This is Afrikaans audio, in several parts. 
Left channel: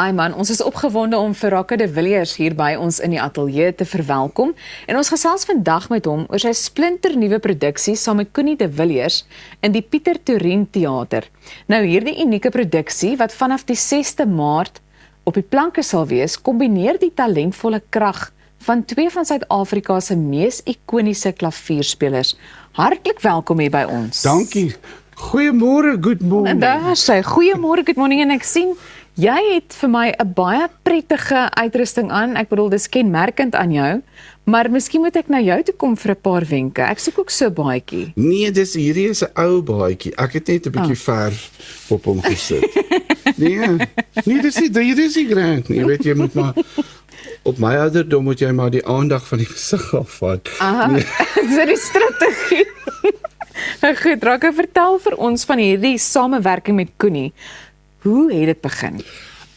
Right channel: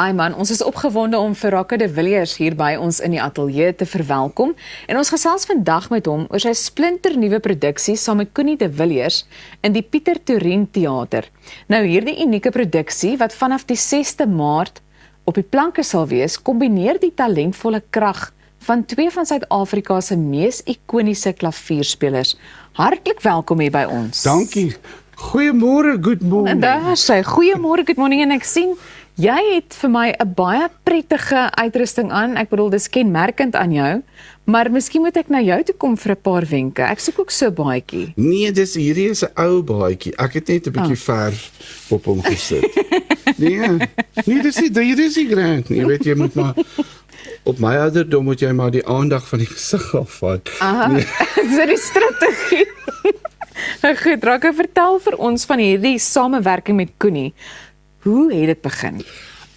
Ai man, ons is opgewonde om vir Rakke de Villiers hier by ons in die ateljee te verwelkom en ons gesels vandag met hom oor sy splinternuwe produksie saam met Connie de Villiers in die Pieter Toerien Theater. Nou hierdie unieke produksie wat vanaf die 6de Maart op die planke sal wees, kombineer die talentvolle krag van twee van Suid-Afrika se mees ikoniese klavierspelers. Hartlik welkom hier by ons. Dankie. Goeiemôre, good morning. Daar sê, goeiemôre, good morning, en ek sien, jy het vir my 'n baie prettige uitrusting aan. Ek bedoel, dis kenmerkend aan jou, maar miskien moet ek na jou toe kom vir 'n paar wenke. Ek soek ook so 'n baadjie. Nee, hierdie is 'n ou baadjie. Ek het net 'n bietjie verf op hom gesit. Nee, dis nie grand nie. Jy weet, jy moet maar op my ouderdom moet jy maar die aandag van die gesig afvat. Aha, Nee. so die strategie. Goed, Rakke, vertel vir ons van hierdie samewerking met Connie. Hoe het dit begin?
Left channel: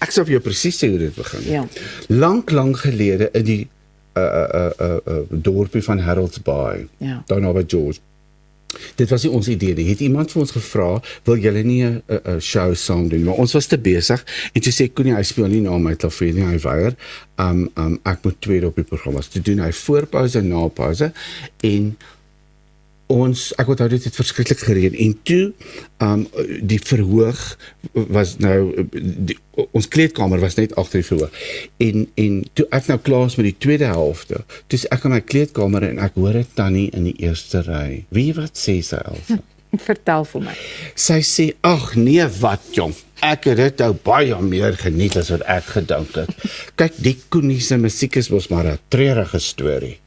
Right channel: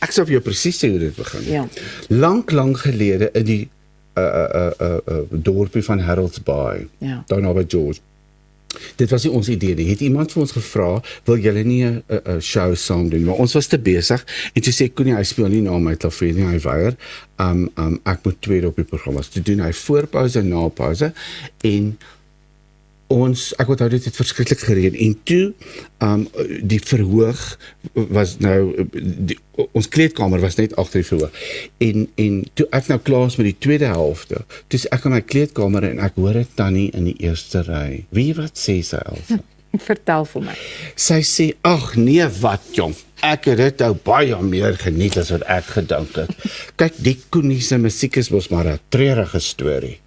Ek sal vir jou presies sê hoe dit begin. Ja. Lank gelede in die dorpie van Harold's Bay, Ja. daar naby George. Dit was nie ons idee. Die het iemand vir ons gevra, wil julle nie 'n show saam doen? Maar ons was te besig en toe sê Connie, hy speel nie na my klavier nie, hy weier. Ek moet tweede op die program was. Toe doen hy voorpause en napause en ek onthou dit het verskriklik gereën en toe die verhoog was nou ons kleedkamer was net agter die verhoog en toe ek nou klaar is met die tweede helfte, toe is ek in my kleedkamer en ek hoor 'n tannie in die eerste ry. Wie wat sê sy, Elsa? Vertel vir my. Sy sê, ag nee, wat jong, ek het dit nou baie meer geniet as wat ek gedink het. Kyk, die Connie se musiek is mos maar 'n treurige storie.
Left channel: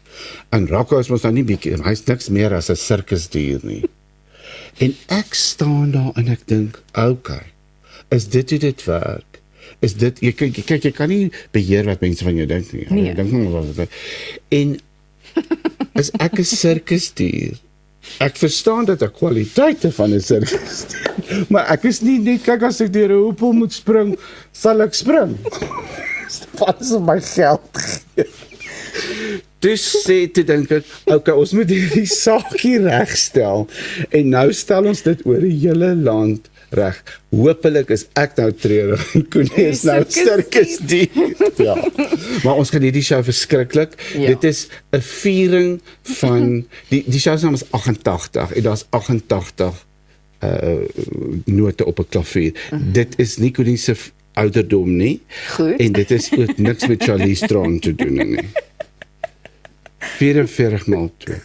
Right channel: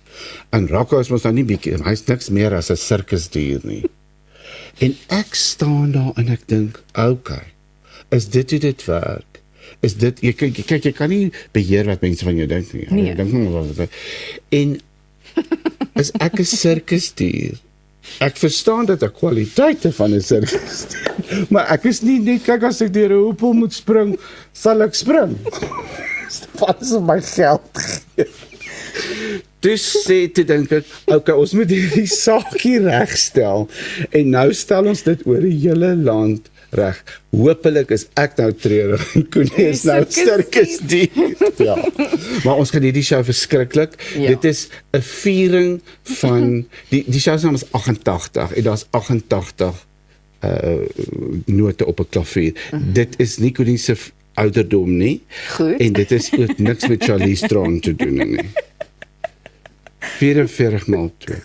En Rakke is mos nou nie bietjie, hy's niks meer as 'n sirkusdier nie. En ek staan daar en ek dink, okay, is dit hoe dit werk? Is dit, jy kan nie beheer wat mense van jou dink nie. Nee. Jy dink nie wat dit. En is ek 'n sirkusdier? Ek verstaan dat ek kwaliteite van 'n sirkusdier, maar ek is nie net, kyk as ek deur 'n hoepel moet spring, sal ek spring. Wat is my geld? Dus sê te dink ek, okay, ons moet hierdie saakie regstel en nou stel ons dit oor die hele land reg. Hoopelik is ek nou treurig en Connie is nou sirkusdier. Ja. Maar ons kan hierdie show verskriklik. Ja. Dit is 'n viering van die show se naam is 88 en daar's 88 note op 'n klavier. Dit is nie Connie se ouderdom nie. Goed. En dit is ook niks met Charlize Theron te doen nie. 44 maal 2.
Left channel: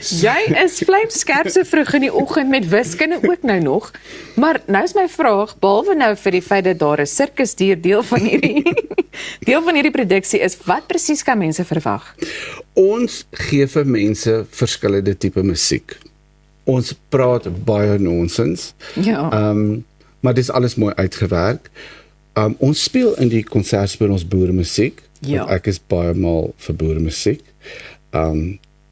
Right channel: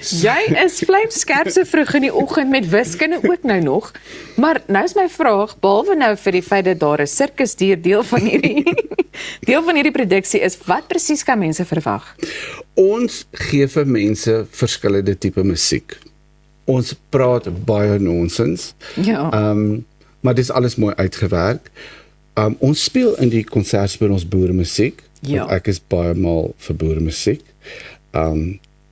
Jy is vlijmskerp so vroeg in die oggend met wiskunde ook nou nog. Maar nou is my vraag, behalwe nou vir die feit dat daar 'n sirkusdier deel van hierdie produksie is, wat presies kan mense verwag? Ons gee vir mense verskillende tipe musiek. Ons praat baie nonsens. Ja. Maar dit is alles mooi uitgewerk. Ons speel in die konsert speel ons boeremusiek. Ja. Ek is baie mal vir boeremusiek.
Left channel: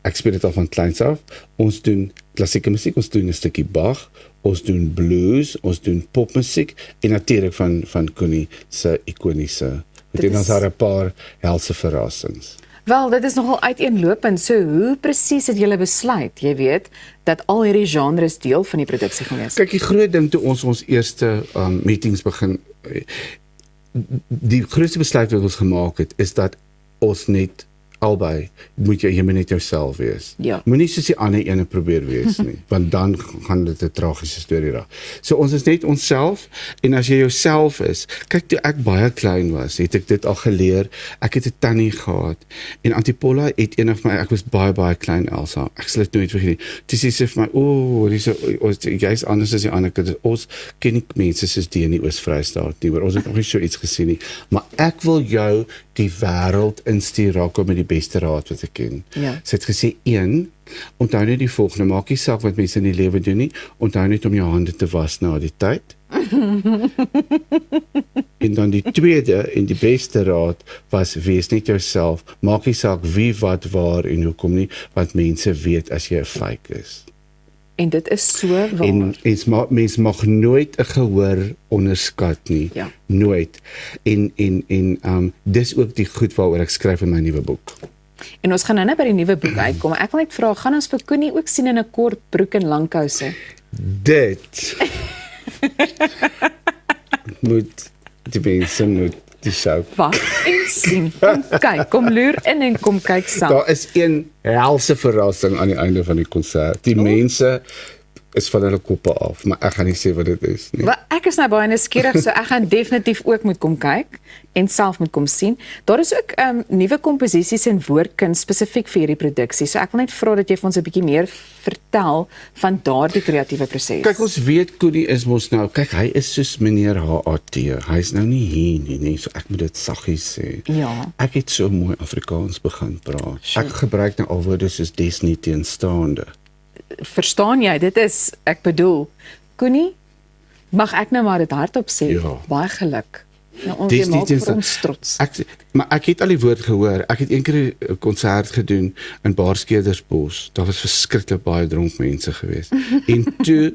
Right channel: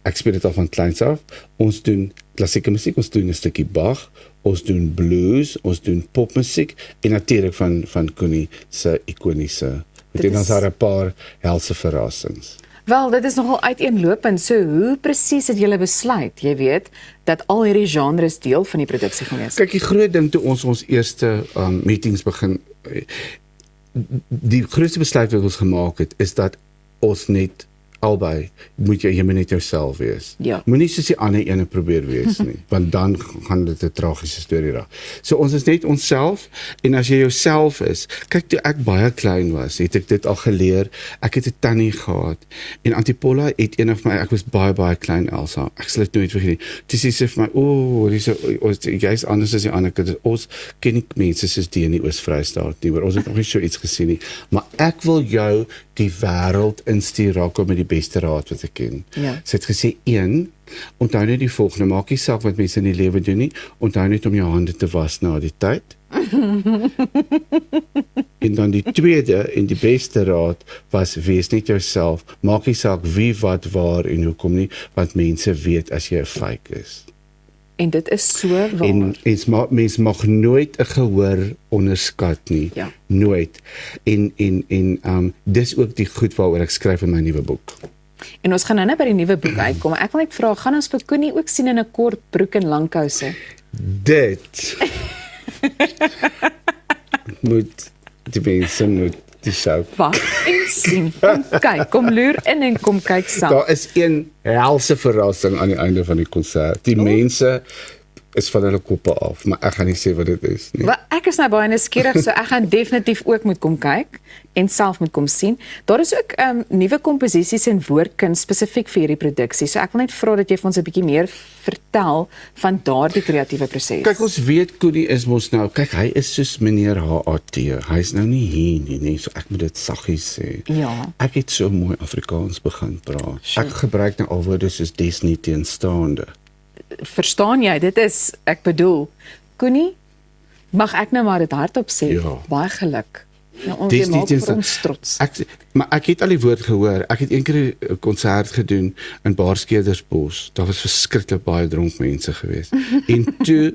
Ek speel dit al van kleins af. Ons doen klassieke musiek, ons doen 'n stukkie Bach, ons doen blues, ons doen popmusiek en natuurlik van Connie se ikoniese. Dit is daar 'n paar helse verrassings. Wel, dit is nogal uiteenlopend. So hoe presies het julle besluit, jy weet, dat al hierdie genres deel van die produksie gaan wees? Kyk, die groot ding toe ons eerste meetings begin, die grootste besluit wat ons gemaak het, is dat ons net albei, moet jy net jouself wees. Ja. Moenie soos die ander ene probeer wees nie, want dan gaan dit 'n tragiese storie raak. So ons is net onsself, en as jy jouself is, kyk toe ek baie klein was, het ek dit al geleer, ek het 'n tannie gehad, en Antipola het een van my, ek was baie klein, Elsa, ek sal dit nooit vergeet nie, toe sê sy vir my, jy's anders as die ander kinders, ons ken nie mense soos die in die Oos-Vrystaat nie, maar ons het nog nie so iets gesien nie, maar ek wil jou die wêreld instuur, Rakke, met die beste raad wat ek ken. Ja. Sy het gesê, 1, onthou net die volgende, maak nie saak wat mense in die lewe doen nie, onthou net om jou hande te was na die tyd. En dan die tweede en die beste raad was, wees net jouself, maak nie saak wie, wat, waar en hoekom nie, want mense weet as jy 'n fake is. En dit is so waar. En mens mag nooit 'n gehoor onderskat nie. Ja. Nooit. En dis ook die goed waaroor ek skryf in my nuwe boek. En ons gaan nou net by die nuwe boek uitkom. Ek wil net vra, gaan ons vir Connie ook sien in 'n kort broek en langkouse? Dit moet Die mense moet die show. Wag en sien. Kyk, kom loer in en kom kyk self. Daar is een helse verrassing aan die einde van die konsert. Die mense is van hulle koppe af, maar ek gaan nie sê wat dit is nie. Wel, ek is nou baie nuuskierig, so ek gaan definitief ook moet kom kyk en self moet kom sien. Daar is ook nuwe komposisies en woordkuns spesifiek vir hierdie produksie. So ek wil net vra dat jy vir ons 'n bietjie meer vertel van daardie kreatiewe proses. Kyk, ons weet Koenie is mos nou, kyk, hy is soos meneer HAT. Hy's nou nie hier nie, so ek moet dit saggies sê. Ja. Ek het so mooi Afrikaans begin praat. Ek gebruik nou al woorde soos des nie teenstaande. Verstaan jy? Dit is, ek bedoel, Koenie, mag ek nou maar dit hardop sê? Ja. Baie geluk. Nou, ons Dis jy nie maak vir teenstaande. ons trots. Maar ek het al die woord gehoor. Ek het eendag 'n konsert gedoen in Baarskedersbos. Daar was verskriklik baie dronk mense gewees. En toe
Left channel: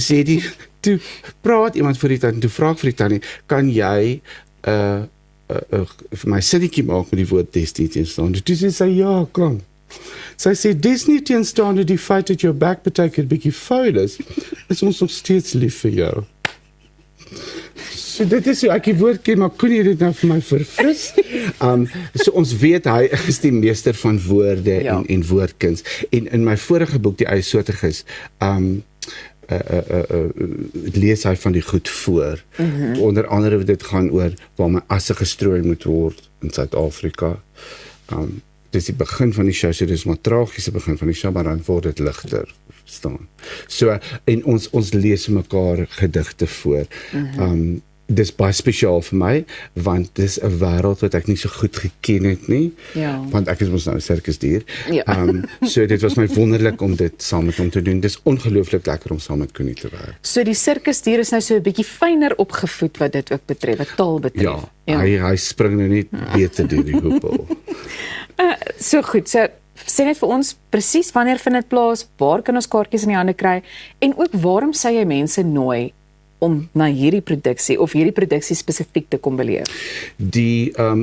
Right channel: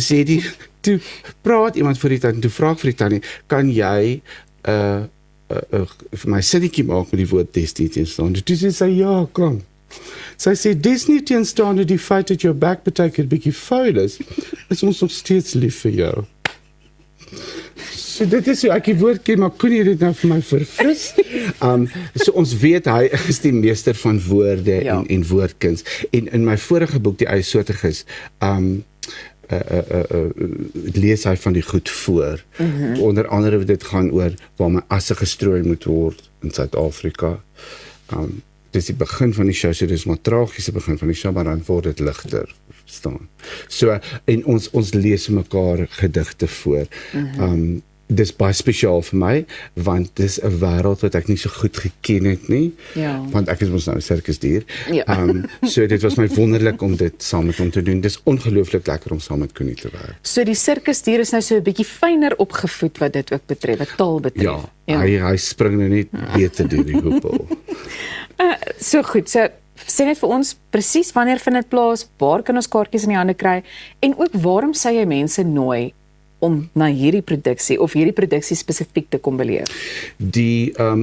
sê die toe praat iemand vir die tannie, toe vra ek vir die tannie, kan jy vir my sinnetjie maak met die woord des nie teenstaande? Toe sê sy ja, kom. Sy sê dis nie teenstaande die feit dat jou bek beteken 'n bietjie vuil is ons nog steeds lief vir jou. So dit is so ek die woord ken, maar kon jy dit nou vir my verfris? So ons weet hy is die meester van woorde Ja. en woordkuns. En in my vorige boek die yssoortiges lees hy van die goed voor. Onder andere dit gaan oor waar my asse gestrooi moet word in Suid-Afrika. Dis die begin van die show, so dis maar tragiese begin van die show, maar dan word dit ligter, verstaan. So en ons lees mekaar gedigte voor. Dis baie spesiaal vir my, want dis 'n wêreld wat ek nie so goed geken het nie. Ja. Want ek is mos nou 'n sirkusdier. Ja. So dit was my wonderlik om dit saam met hom te doen. Dis ongelooflik lekker om saam met Koenie te werk. So die sirkusdier is nou so 'n bietjie fyner opgevoed wat dit ook betref, wat taal betref. Ja, hy spring nou net beter deur die hoepel. So goed, so sê net vir ons presies wanneer vind dit plaas, waar kan ons kaartjies in die hande kry en ook waarom sê jy mense nooi om na hierdie produksie of hierdie produksie spesifiek te kom beleef?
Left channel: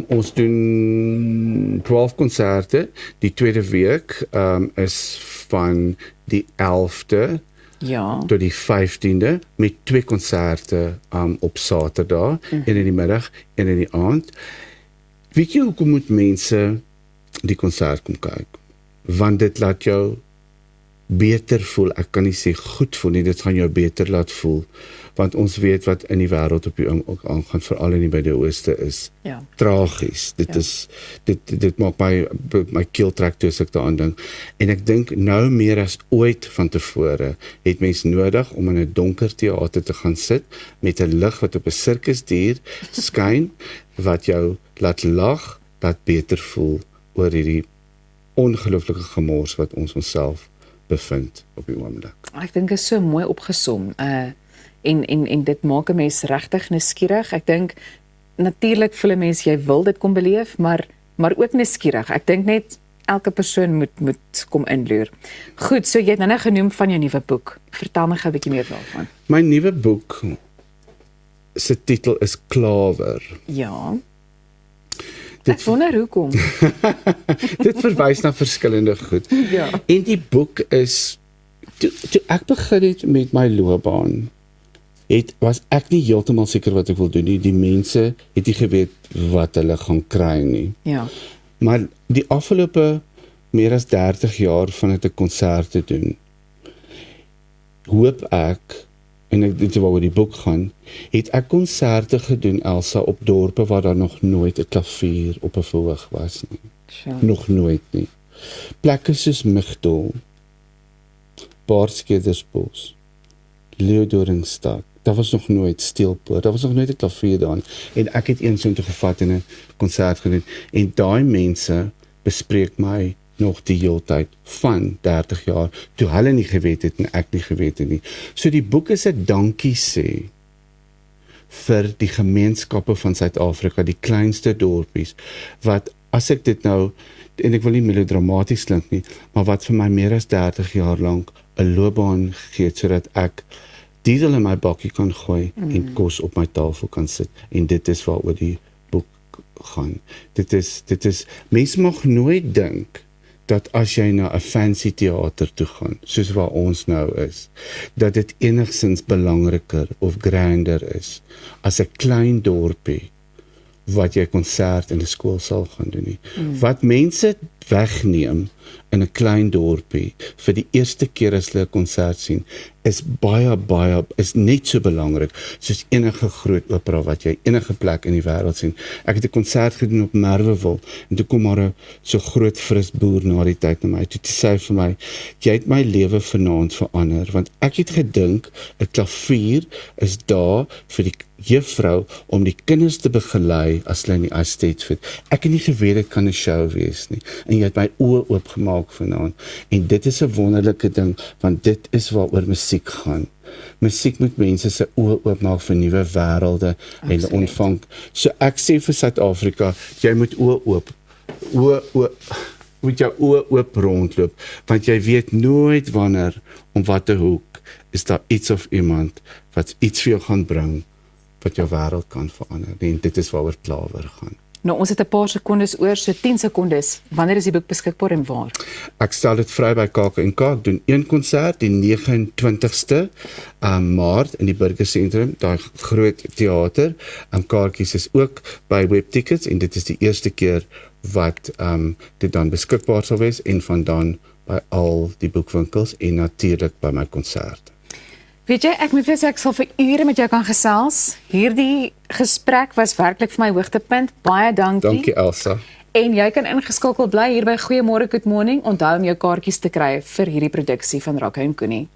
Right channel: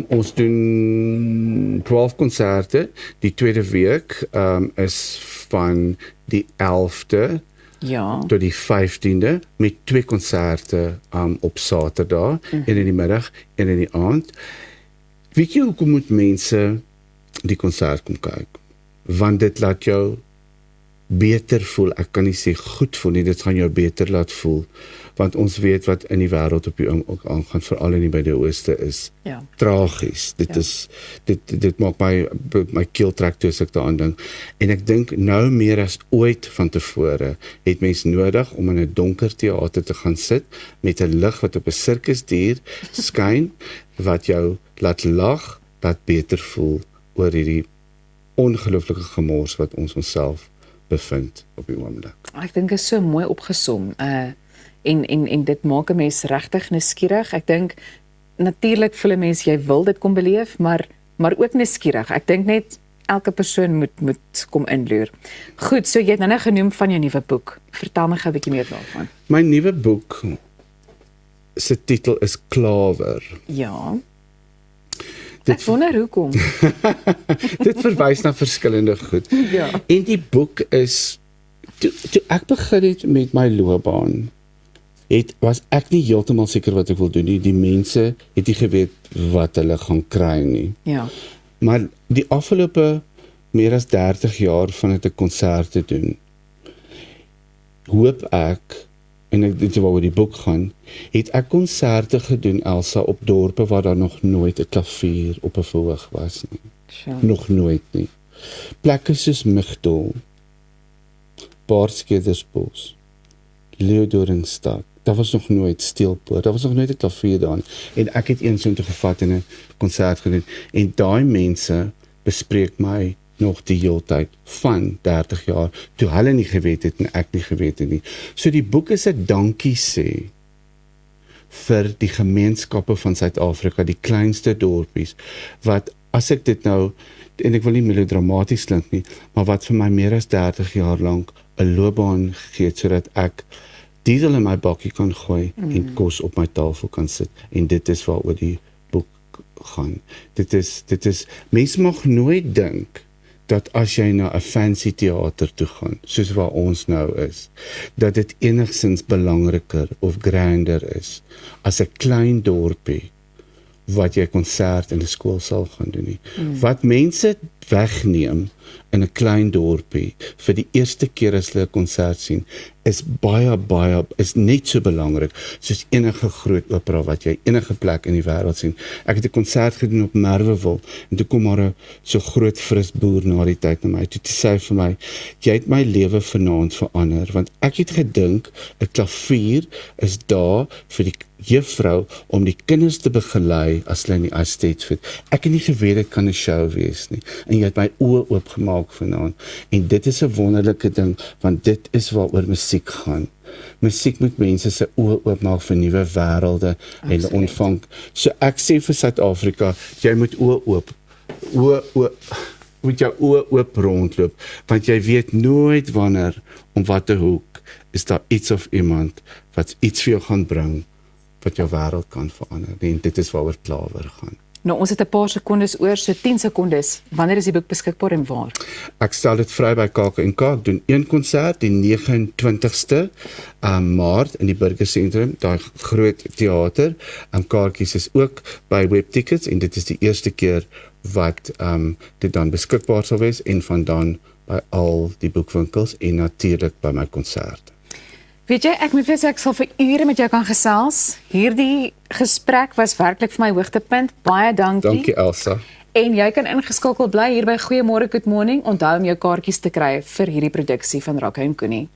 Ons doen 12 konserte. Die tweede week is van die 11de Ja. tot die 15de met 2 konserte op Saterdag, een in die middag, een in die aand. Weet jy hoekom moet mense die konsert kom kyk? Want dit laat jou beter voel. Ek kan nie sê goed voel nie, dit gaan jou beter laat voel. Want ons weet wat in die wêreld op die ook aangaan, veral in die Midde-Ooste is Ja. tragies. Dit maak my keel trek toe as ek daaraan dink. En ek dink nou meer as ooit van tevore het mens nodig om in 'n donker teater te gaan sit met 'n lig wat op 'n sirkusdier skyn wat jou laat lag, laat beter voel oor hierdie ongelooflike gemors wat ons onsself bevind op die oomblik. Ek dink is so mooi opgesom. En dit maak 'n mens regtig nuuskierig. Ek dink natuurlik voel 'n mens jy wil dit kom beleef, maar ook nuuskierig. Ek dink net elke persoon moet kom inloer. Goed, so jy het nou genoem van jou nuwe boek. Vertel my gou 'n bietjie meer daarvan. My nuwe boek se titel is Klawer. Ja. Ek wonder hoekom. Dit verwys na verskillende goed. Ja. En die boek is toe ek begin het met my loopbaan, was ek nie heeltemal seker wat ek wil doen nie. Die mense het nie geweet wat hulle gaan kry nie. Ja. Maar die afgelope meer as 30 jaar van dit 'n konsert te doen, hoop ek, en dit is waaroor die boek gaan, het ek konserte gedoen, Elsa, op dorpe waar daar nog nooit 'n klavier op 'n verhoog was nie. Sure. Nog nooit nie. Plekke soos Migdol, Baarskedersbos, Leeudoringstad, daar was nog nooit Steelpoort, daar was nog nooit 'n klavier daar. En ek het een soontoe gevat en 'n konsert gedoen. En daai mense bespreek my nog die hele tyd van 30 jaar, toe hulle nie geweet het en ek nie geweet het nie. So die boek is 'n dankie sê vir die gemeenskappe van Suid-Afrika, die kleinste dorpies, wat as ek dit nou, en ek wil nie melodramaties klink nie, maar wat vir my meer as 30 jaar lank 'n loopbaan gegee het, sodat ek diesel in my bakkie kan gooi en kos op my tafel kan sit. En dit is waaroor die boek gaan. Dit is, mense mag nooit dink dat as jy na 'n fancy teater toe gaan, soos waar ons nou is, dat dit enigstens belangriker of grander is as 'n klein dorpie wat jy 'n konsert in 'n skoolsaal gaan doen nie. Wat mense wegneem in 'n klein dorpie vir die eerste keer as hulle 'n konsert sien, is is net so belangrik soos enige groot opera wat jy enige plek in die wêreld sien. Ek het 'n konsert gedoen op Merwewil en toe kom maar 'n so groot fris boer na die tyd na my toe sê hy vir my, jy het my lewe vanaand verander, want ek het gedink 'n klavier is daar vir die juffrou om die kinders te begelei as hulle in die estate fit. Ek het nie geweet dit kan 'n show wees nie. En jy het my oë oopgemaak vanaand. En dit is 'n wonderlike ding, want dit is waaroor musiek gaan. Musiek moet mense se oë oopmaak vir nuwe wêrelde en ontvang. So ek sê vir Suid-Afrika, jy moet moet jou oë oop rondloop, want jy weet nooit wanneer, om watter hoek, is daar iets of iemand wat iets vir jou gaan bring wat jou wêreld kan verander. En dit is waaroor Klawer gaan. Nou, ons het 'n paar sekondes oor, so 10 sekondes. Wanneer is die boek beskikbaar en waar? Ek stel dit vry by KAK&K. Ek doen een konsert die 29ste Maart in die Burgersentrum, daai groot teater. Kaartjies is ook by Webtickets en dit is die eerste keer wat dit dan beskikbaar sal wees en van dan by al die boekwinkels en natuurlik by my konsert. Weet jy, ek moet sê ek sal vir ure met jou kan gesels. Hierdie gesprek was werklik vir my hoogtepunt. Baie dankie. Dankie Elsa. En jy kan ingeskakel bly hier by Goeiemôre Good Morning. Onthou om jou kaartjies te kry vir hierdie produksie van Rakke en Koenie.